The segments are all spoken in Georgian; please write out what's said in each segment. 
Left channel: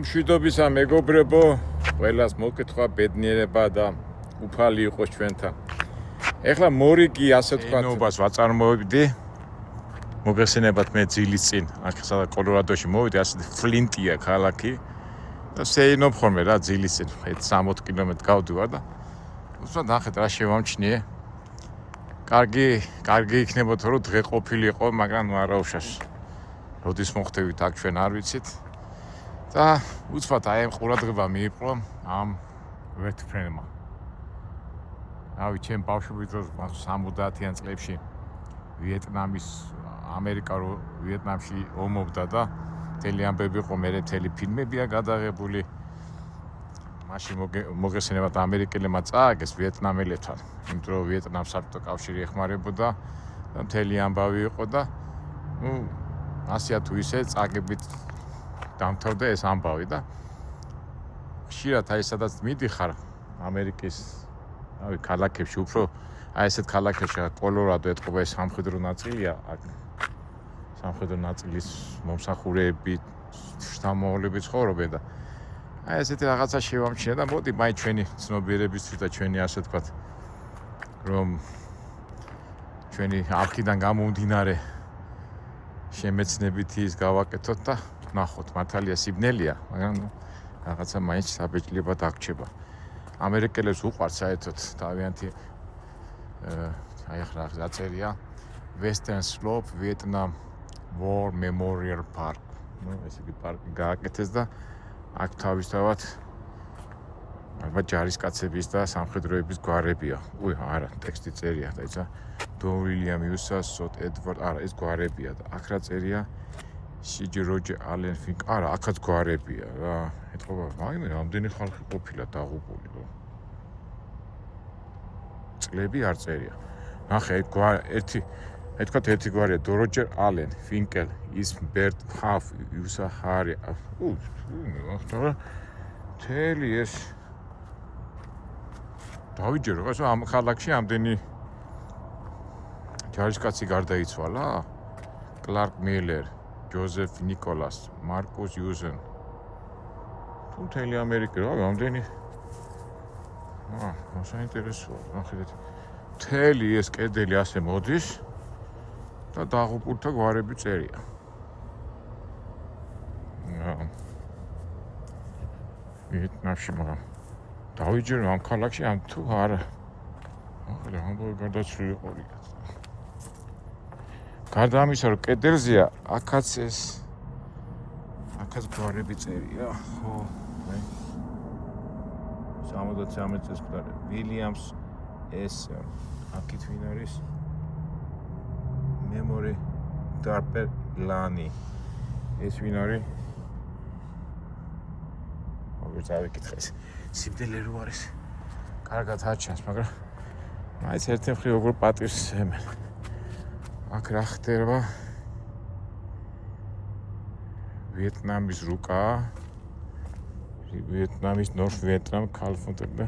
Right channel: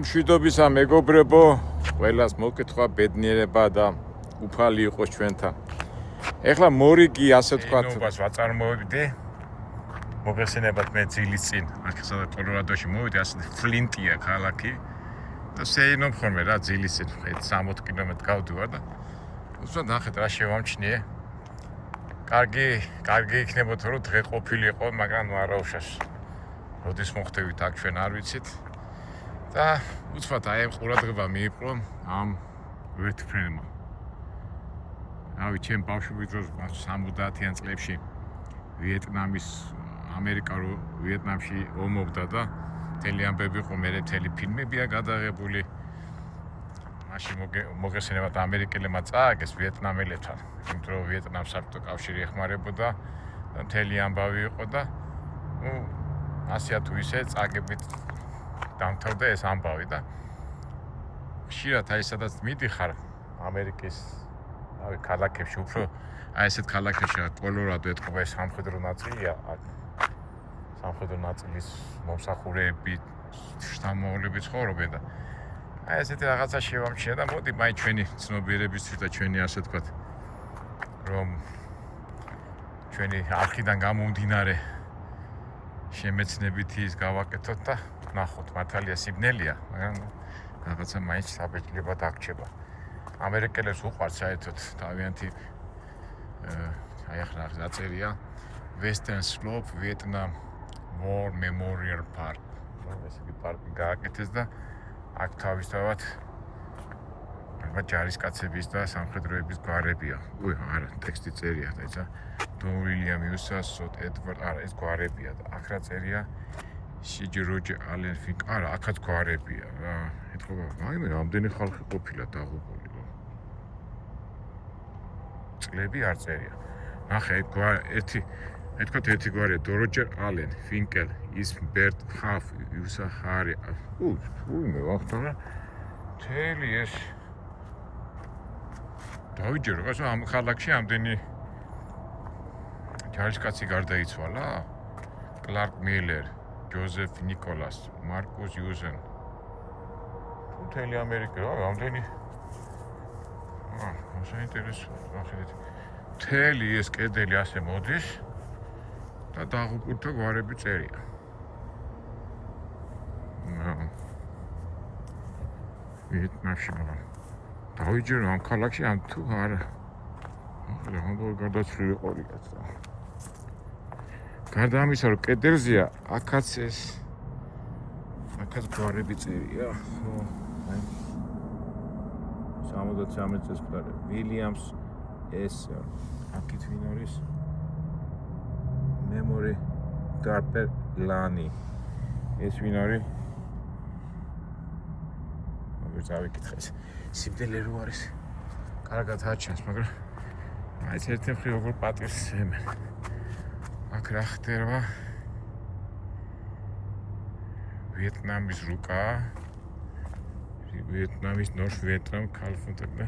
მშვიდობისა მეგობრებო, ყველას მოკითხვა ბედნიერება და უფალი იყოს ჩვენთან. ეხლა მორიგი ასე თქვა. ნობას ვაწარმოებდი. მოგესალმებით მე ძილის წინ, აქ სადაც კოლორადოში მოვიდე, ასეთი ფლინტია ქალაქი. და შეინოფ ხოლმე რა ძილის წინ, 60 კილომეტრი გავდივარ და უბრალოდ ნახეთ რა შევამჩნიე. კარგი იქნებოდა რომ დღე ყოფილიყო, მაგრამ ნუ არა უშავს. როდის მოხდებით აქ ჩვენ არ ვიცით. და უცბად აი ამ ყურადღება მიიპყრო ამ ვერტფრენმა. რავი, ჩემ ბავშვობის დროს 70-იან წლებში ვიეტნამის ამერიკა რო ვიეტნამში ომობდა და მთელი ამბები იყო, მე მთელი ფილმებია გადაღებული. მაშინ მოგესალმებით ამერიკელებმა წააგეს ვიეტნამელებთან, იმიტომ რომ ვიეტნამს საბჭოთა კავშირი ეხმარებოდა და მთელი ამბავი იყო და ასეა თუ ისე წაგებით დამთავრდა ეს ამბავი და ხშირად აი სადაც მიდიხარ ამერიკის ქალაქებში, უფრო აი ესეთ ქალაქებში კოლორადო ეთყობა ეს სამხედრო ნაწილია. სამხედრო ნაწილის მომსახურეები, შთამომავლები ცხოვრობენ და აი ესეთი რაღაცა შევამჩნია და მოდი მაინც ჩვენი ცნობიერებისთვის და ჩვენი ასე ვთქვათ რომ ჩვენი არქიდან გამომდინარე შემეცნებით ის გავაკეთოთ და ნახოთ, მართალია სიბნელია, მაგრამ რაღაცა მაინც საბეჭდილება დაგრჩება. ამერიკელებს უყვართ საერთოდ თავიანთი აი ახლა დაწერია Western Slope Vietnam War Memorial Park. ესეთი პარკი გააკეთეს და აქ თავისთავად ალბათ ჯარისკაცების და სამხედროების გვარებია. არა, ტექსტი წერია და ისა დონ უილიამ იუსას, სოთ ედვარდ, არა, ეს გვარებია და აქ რა წერია სიჯი როჯერ ალენ ფინკ, არა, აქაც გვარებია რა. ეთქობა, მაიმე რამდენი ხალხი ყოფილა დაღუპული. წლები არ წერია. ნახე, ერთი გვარია როჯერ ალენ, ფინკელ, ის ბერტ ჰაფ, იუსა ჰარი. მე ვახტავ მთელი ეს დავიჯერო, ეს ამ ქალაქში ამდენი ჯარისკაცი გარდაიცვალა? კლარკ მილერ, ჯოზეფ ნიკოლას, მარკუს იუზენ. მთელი ამერიკა, ამდენი საინტერესოა, ნახეთ. მთელი ეს კედელი ასე მოდის და დაღუპულთა გვარები წერია. ვიეტნამში მაგრამ დავიჯერო ამ ქალაქში ამ თუ არა. ამბობ გარდაცვლილი ყოლიკაც. გარდა ამისა რომ კედელზეა, აქაც გვარები წერია, ხო, 73 წელს გვარი ვილიამს ეს აქეთ ვინ არის? მემორი დარპერ ლანი. ეს ვინ არის? როგორ წავიკითხე ეს სიბნელე რო არის? კარგად აჩანს, მაგრამ მაინც ერთი მხრივ როგორ პატივს ემენ. აქ რა ხდება? ვიეტნამის რუკა, ვიეტნამის ნორთ ვიეტნამ ქალფონტები,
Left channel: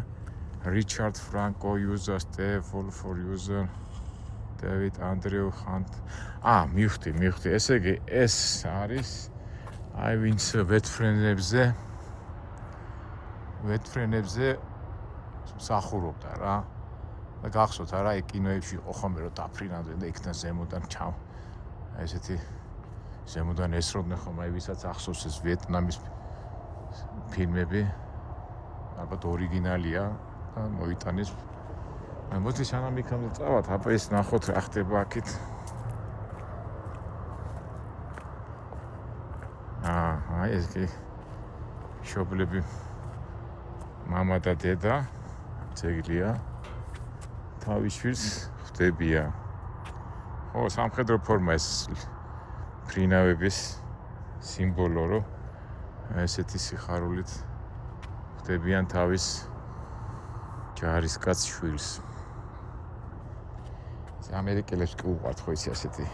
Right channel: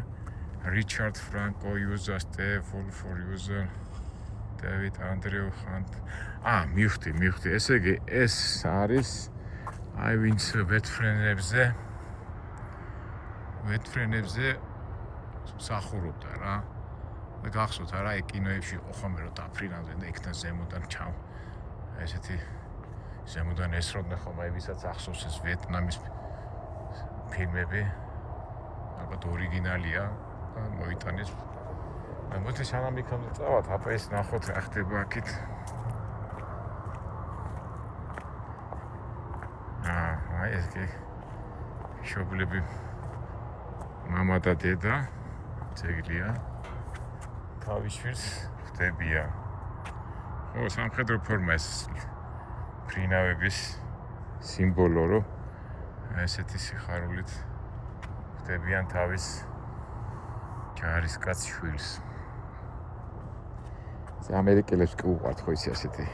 რიჩარდ ფრანკო იუზა, სტეფოლ ფორ იუზა, დევიდ ანდრეუ ხანტ. მივხვდი. ესე იგი ეს არის აი ვინც ვეტფრენებზე მსახურობდა რა. და გახსოვთ არა, აი კინოებში იყო ხოლმე რომ დაფრინავდნენ და იქიდან ზემოდან ესეთი ზემოდან ესროდნენ ხოლმე, ვისაც ახსოვს ეს ვიეტნამის ფილმები, ალბათ ორიგინალია და მოიტანეს. მოდი სანამ იქამდე წავალთ, აბა ეს ნახოთ რა ხდება აქეთ. ეს კი შობლები მამა და დედა ძეგლია. თავის შვილს ხდებიან. სამხედრო ფორმა ეს ფრინავების სიმბოლო, რომ ესეთი სიხარულით ხდებიან თავის ჯარისკაც შვილს. ამერიკელებს კი უყვართ ხო ისე ასეთი.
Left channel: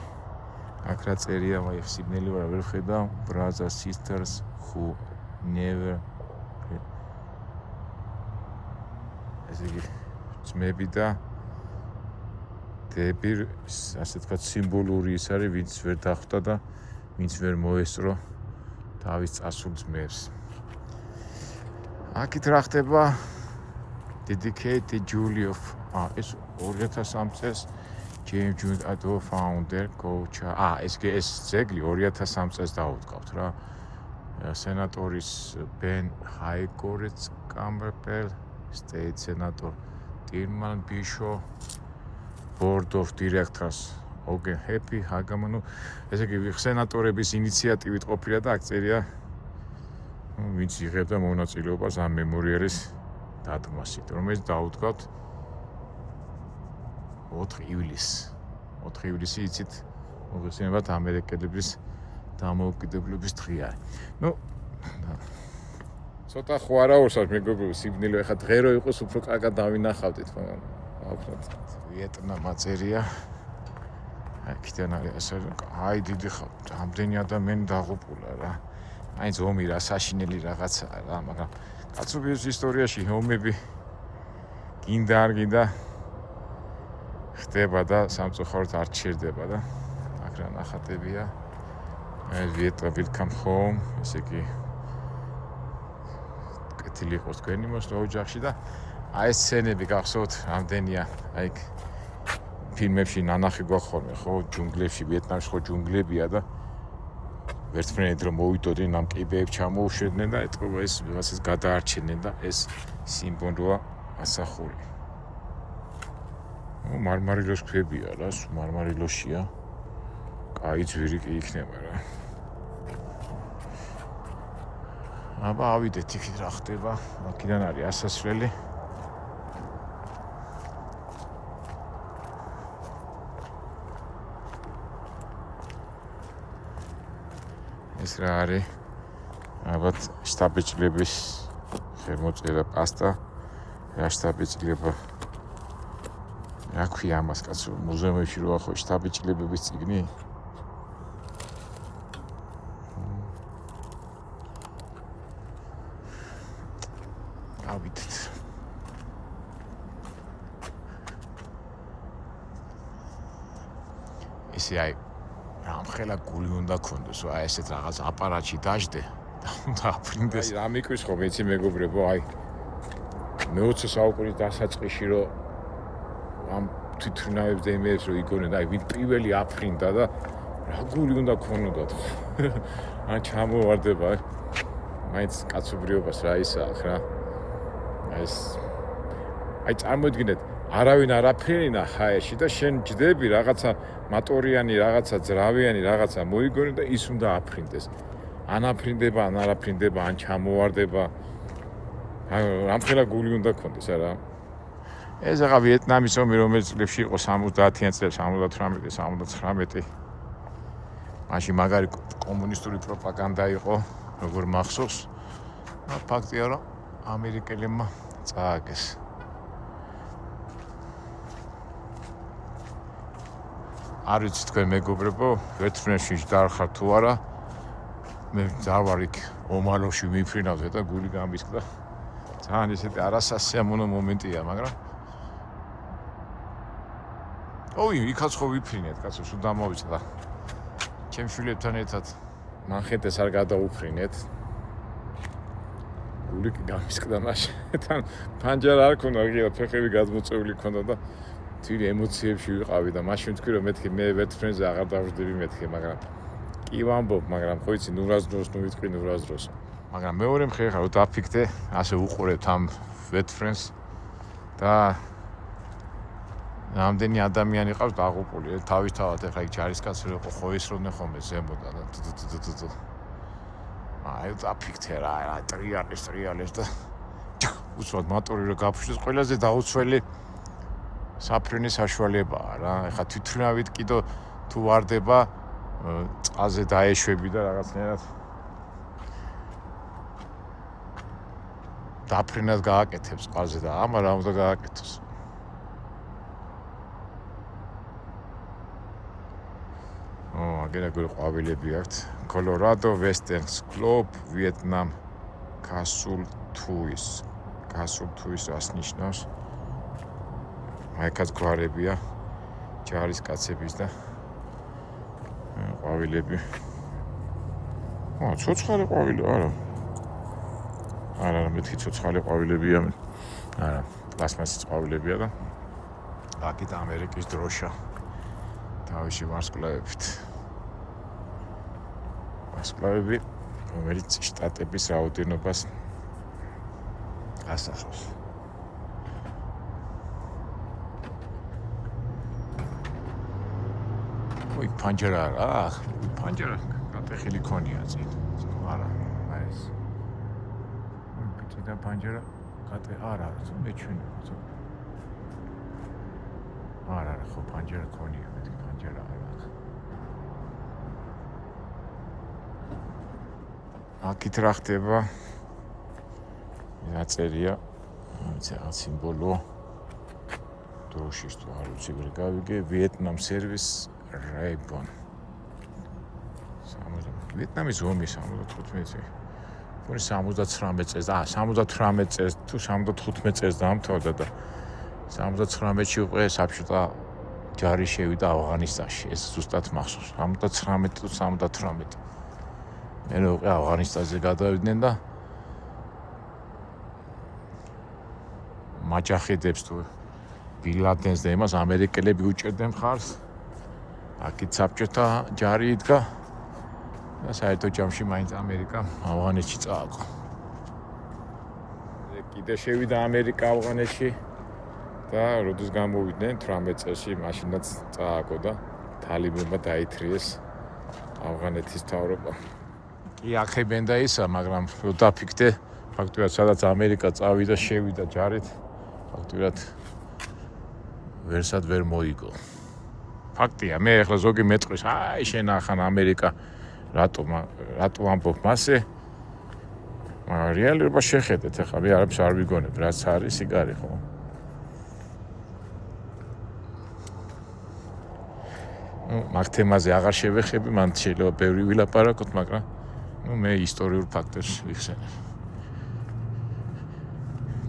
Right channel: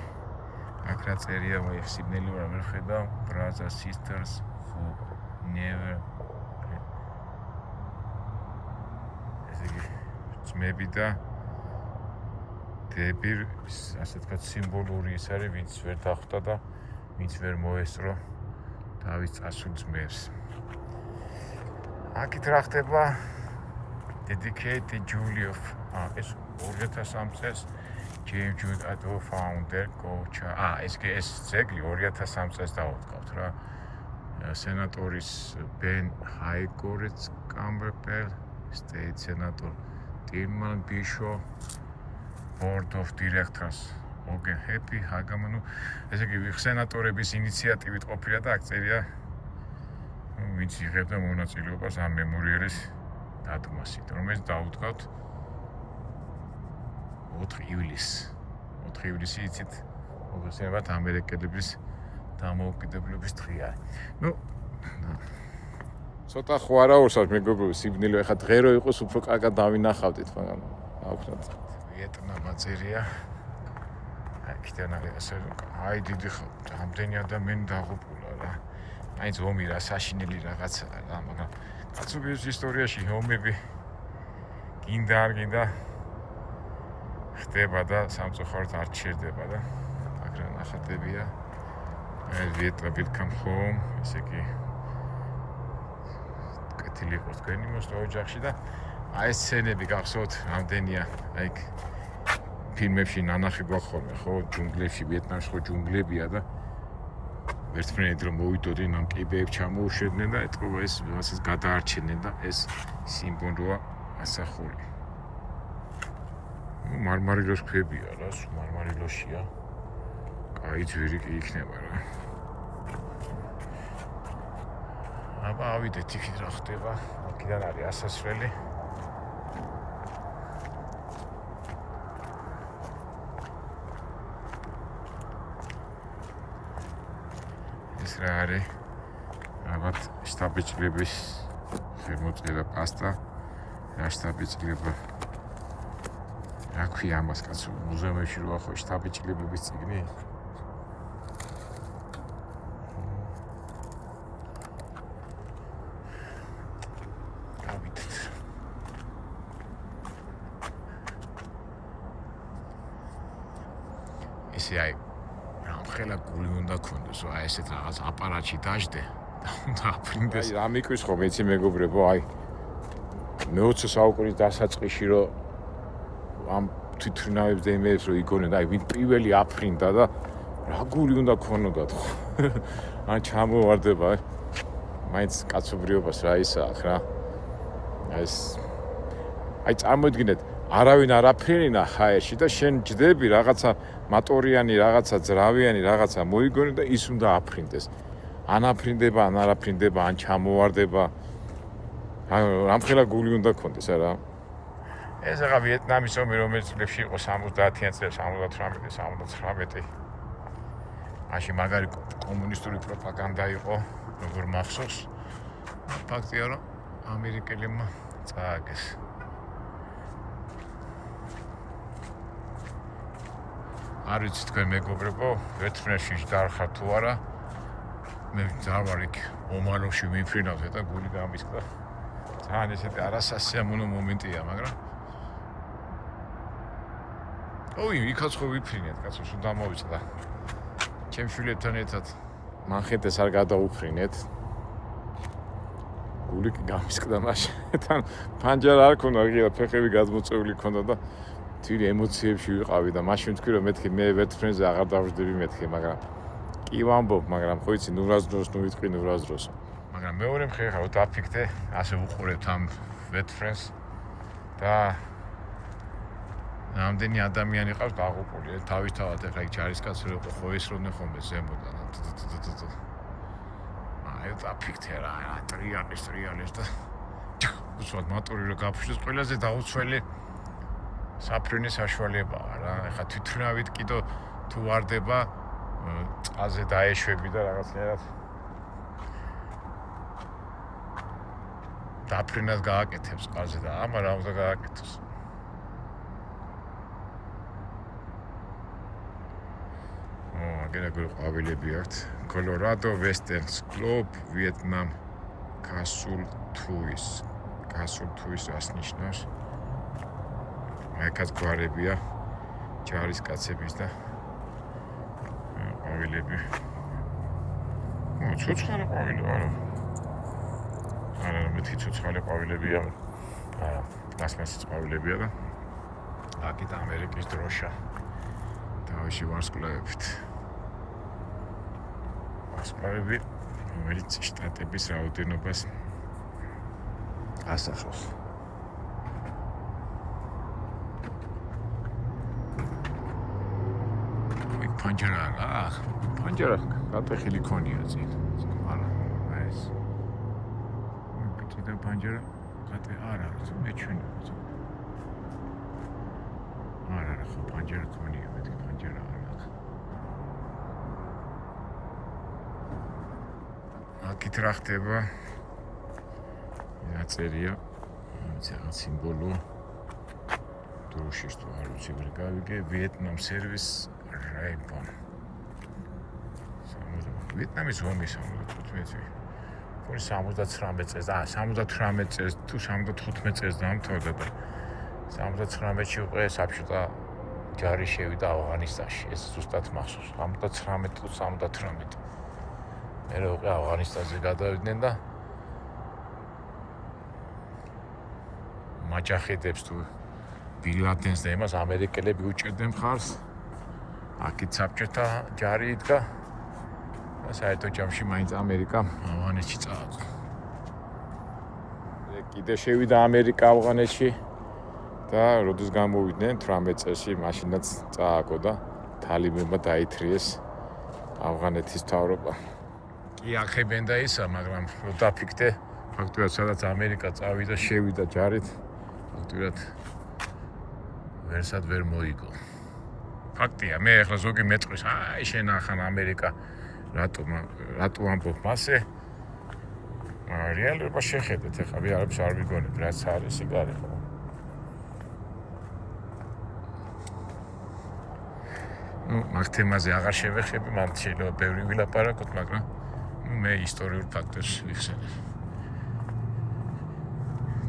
აქ რა წერია, ვაი სიბნელი ვერ ხედა, brothers sisters who never ესე იგი ძმები და დები, ასე ვთქვათ, სიმბოლური ის არის, ვინც ვერ დახვდა და ვინც ვერ მოესწრო თავის წასულ ძმებს. აქეთ რა ხდება? Dedicated Julie of ეს 2003 წელს James Jones Auto founder coach. ეს ძეგლი 2003 წელს დაუდგავთ რა. სენატორის Ben Highcourt Campbell, State Senator Tilman Bishop, Board of Directors Ogen Happy Hagamanu. ესე იგი სენატორების ინიციატივით ყოფილა და აქ წერია ვინც იღებდა მონაწილეობას ამ მემორიალის დადგმასით, რომელიც დაუდგავთ 4 ივლისი იცით, მოგესალმებით ამერიკელების დამოუკიდებლობის დღეა. ნუ ცოტა ხო არა უსავს მეგობრებო, სიბნელე ახლა დღე რო იყოს უფრო კარგად დავინახავდით, მაგრამ აუხრათ. ვიეტნამა წერია. აქედან ასე აი დიდი ხა, ამდენი ადამიანი დაღუპულა რა. აი ზომი რა საშინელი რაღაცაა რა, მაგრამ კაცობრიობის ისტორიაში ომები გინდა არ გინდა ხდება და სამწუხაროდ არ ჩერდება და აქ რა ნახატებია. Vietnam come home, ესე იგი კეთილი იყოს თქვენი მოსვლა ოჯახში და აი ეს სცენები გახსოვთ რამდენია, აი ფილმებში ნანახი გვახხოლმე ხო, ჯუნგლებში, ვიეტნამში ხო ჯუნგლებია და ვერცმენად რომ მოვიდოდნენ ამ კიბეებს ჩამოუშვებდნენ და ეთქობა ეს რაღაცას გადაარჩენენ და ეს სიმბოლოა ასახული. მარმარილოს ქვებია რა, მარმარილოსია. აი ძვირი კი იქნება რა. აბა ავიდეთ იქით რა ხდება. აქედან არის ასასვლელი. ეს რა არის? აბა შტაბ-ბიჭლების შემოწირა პასტა. რა შტაბ-ბიჭლება? რა ქვია ამას კაცო, მუზეუმში როა ხო შტაბ-ბიჭლების წიგნი? ესე აი ამხელა გული უნდა ქონდეს, აი ესეთ რაღაც აპარატში დაждე და უნდა აფრინდეს. აი რა მიყვის ხომ ეცი მეგობრებო, აი მე-20 საუკუნის დასაწყისში რომ ამ თვითმფრინავებს და იმებს რომ იგონენ, აი ვინ პირველი აფრინდა და რა გული უნდა ქონოდათ ხო? ან ჩამოვარდება, მაინც კაცობრიობას რა ისაა რა. აი წარმოიდგინეთ, არავინ არ აფრინა ჰაერში და შენ ჯდები რაღაცა მატორიანი, რაღაცა ძრავიანი, რაღაცა მოიგონე და ის უნდა აფრინდეს. ან აფრინდება, ან არ აფრინდება, ან ჩამოვარდება. ამხელა გული უნდა ქონდეს არა? ეს ახლა ვიეტნამის ომი რომელიც წლებში იყო 70-იან წლებში, 78-79. მაშინ მაგარი კომუნისტური პროპაგანდა იყო, როგორ მახსოვს. ფაქტია რომ ამერიკელებმა წააგეს. არ ვიცი თქვენ მეგობრებო, ვერტფრენში დაახართ თუ არა. მე დავარ იქ ომალოში ვიფრინავდე და გული გამისკდა. ძალიან ესეთი არასასიამოვნო მომენტია, მაგრამ ოი, იქაც ხო ვიფრინეთ, კაცო, სულ დამოვიწყდა. ჩემ შვილებთან ერთად მანხეტეს არ გადაუფრინეთ. გული კი გამისკდა მაშინ. თან პანჯარა არ ქონდა, ღია ფეხები გადმოწეული ქონდა და თვითი ემოციებში ვიყავი და მაშინ ვთქვი რომ მეთქი მე ვერტფრენზე აღარ დავждები მეთქი, მაგრამ კი ვამბობ, მაგრამ ხო იცი, ნურას დროს ნუ ვიტყვი ნურას დროსო. მაგრამ მეორე მხრივ ხარ დაფიქრე, ასე უყურებთ ამ ვერტფრენს და რამდენი ადამიანი ყავს დაღუპული, თავისთავად ახლა იქ ჯარისკაცი რო ხო ისროდნენ ხოლმე ზემოდან და თუ. აი დაფიქრე რა, ტრიალებს და უცბად მატორი რო გაფშვის ყველაზე დაუცველი საფრენის საშუალებაა რა. ეხლა თვითმფრინავით კიდო თუ ვარდება წყალზე დაეშვები და რაღაცნაირად დაფრენას გააკეთებს წყალზე და ამა რა უნდა გააკეთოს. აგერაგური ყვავილები აქვთ. Colorado Western Slope, Vietnam, Castle Tuis. Castle Tuis რას ნიშნავს? აიქაც გვარებია ჯარისკაცების და ყვავილები. ცოცხალი ყვავილი არა. არა მეთქი ცოცხალი ყვავილებია არა პლასმასის ყვავილებია და აქეთ ამერიკის დროშა თავში ვარსკვლავებით ვარსკვლავები რომელიც შტატების რაოდენობას ასახავს პანჯერა პანჯერა გატეხილი ქონია წინ არა აი ეს და პანჯერა გატე არა მეჩვენე არა ხო პანჯერა ქონია მეთქი პანჯერა არა აქეთ რა ხდება აწერია რაღაც სიმბოლო დროშის თუ არ ვიცი ვერ გავიგე ვიეტნამ სერვის რაიბონ ვიეტნამის ომი 75 წელი 79 წელს 78 წელს თუ 75 წელს დაამთავრდა და 79-ში უკვე საბჭოთა ჯარი შევიდა ავღანისტანში ეს ზუსტად მახსოვს 79 თუ 78 მე უკვე ავღანისტანზე გადავიდნენ და მაჯაჰედებს თუ ბილადენს და იმას ამერიკელები უჭერდნენ მხარს აქეთ საბჭოთა ჯარი იდგა და საერთო ჯამში მაინც ამერიკა ავღანეთში წააგო კიდე შევიდა ამერიკა ავღანეთში და როდის გამოვიდნენ 18 წელში მაშინაც წააგო და თალიბებმა დაითრიეს ავღანეთის მთავრობა კი ახებენ და ისა მაგრამ დაფიქრდე ფაქტობრივად სადაც ამერიკა წავიდა შევიდა ჯარით ფაქტობრივად ვერსად ვერ მოიგო ფაქტია მე ახლა ზოგი მეტყვის აი შენ ახან ამერიკა რატო ამბობ მასე რეალობა შეხედეთ ახლა მე არაფერს არ ვიგონებ რაც არის იგარი ხო მაგ თემაზე აღარ შევეხები მან შეიძლება ბევრი ვილაპარაკოთ მაგრამ მე ისტორიულ ფაქტებს ვიხსენებ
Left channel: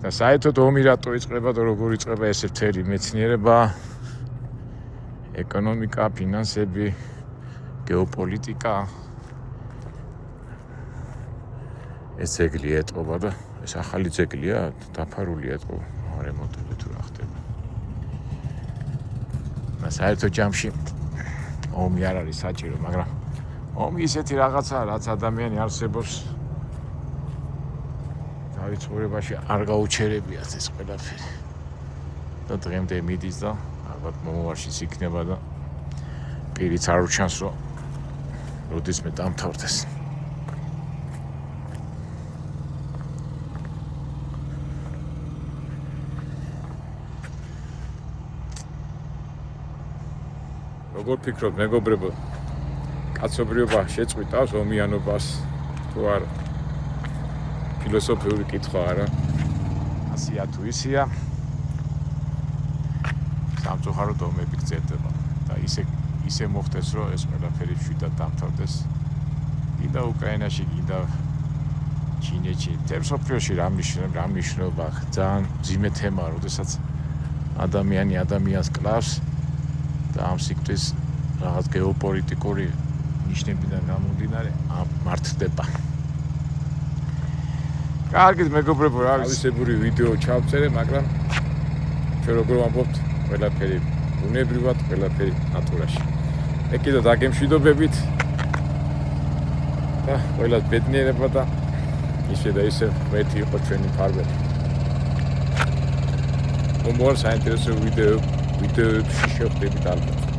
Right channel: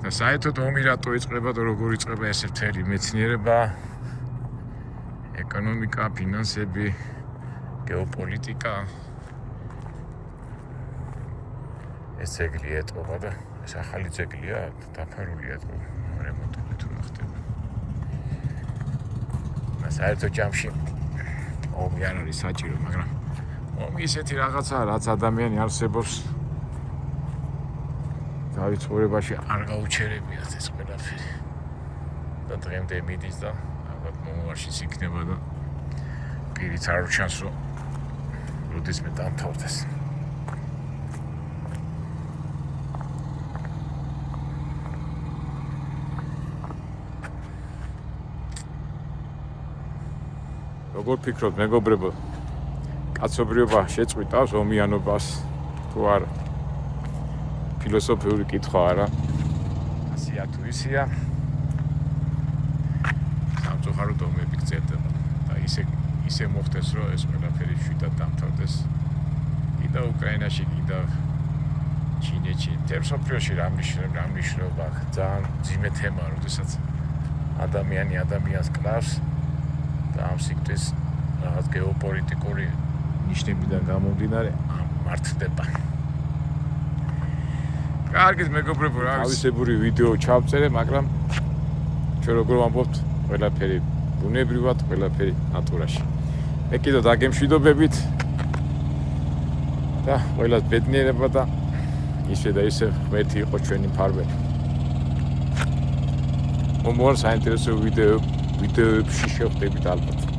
და საერთოდ ომი რატო იწყება და როგორ იწყება ეს მთელი მეცნიერება ეკონომიკა ფინანსები გეოპოლიტიკა ეს ძეგლი ეტყობა და ეს ახალი ძეგლია დაფარული ეტყობა რემონტები თუ რა ხდება და საერთოდ ჯამში ომი არ არის საჭირო მაგრამ ომი ისეთი რაღაცაა რაც ადამიანი არსებობს თავის ცხოვრებაში არ გაუჩერებიათ ეს ყველაფერი და დღემდე მიდის და ალბათ მომავალშიც იქნება და პირიც არ უჩანს რომ როდესმე დამთავრდეს როგორ ფიქრობთ მეგობრებო კაცობრიობა შეწყვიტავს ომიანობას თუ არა ფილოსოფიური კითხვა არა ასია თუ ისია სამწუხაროდ ომები გრძელდება და ისე მოხდეს რომ ეს ყველაფერი შიდად დამთავრდეს კიდევ უკრაინაში კიდევ ჩინეთში თემსოფლიოში რა მნიშვნელობა ძალიან ძიმე თემაა როდესაც ადამიანი ადამიანს კლავს და ამ სიკტის რაღაც გეოპოლიტიკური ნიშნებიდან გამომდინარე მართლდება. კარგით მეგობრებო, რა არის თავისებური ვიდეო ჩავწერე, მაგრამ ჩვენ როგორ ვამბობთ, ყველაფერი ბუნებრივად, ყველაფერი ნატურაში. მე კიდევ დაგემშვიდობებით და ყველას ბედნიერება და ისე და ისე ღმერთი იყო ჩვენი მფარველი. მომავალ საინტერესო ვიდეოებში შევხვდებით ალბათ.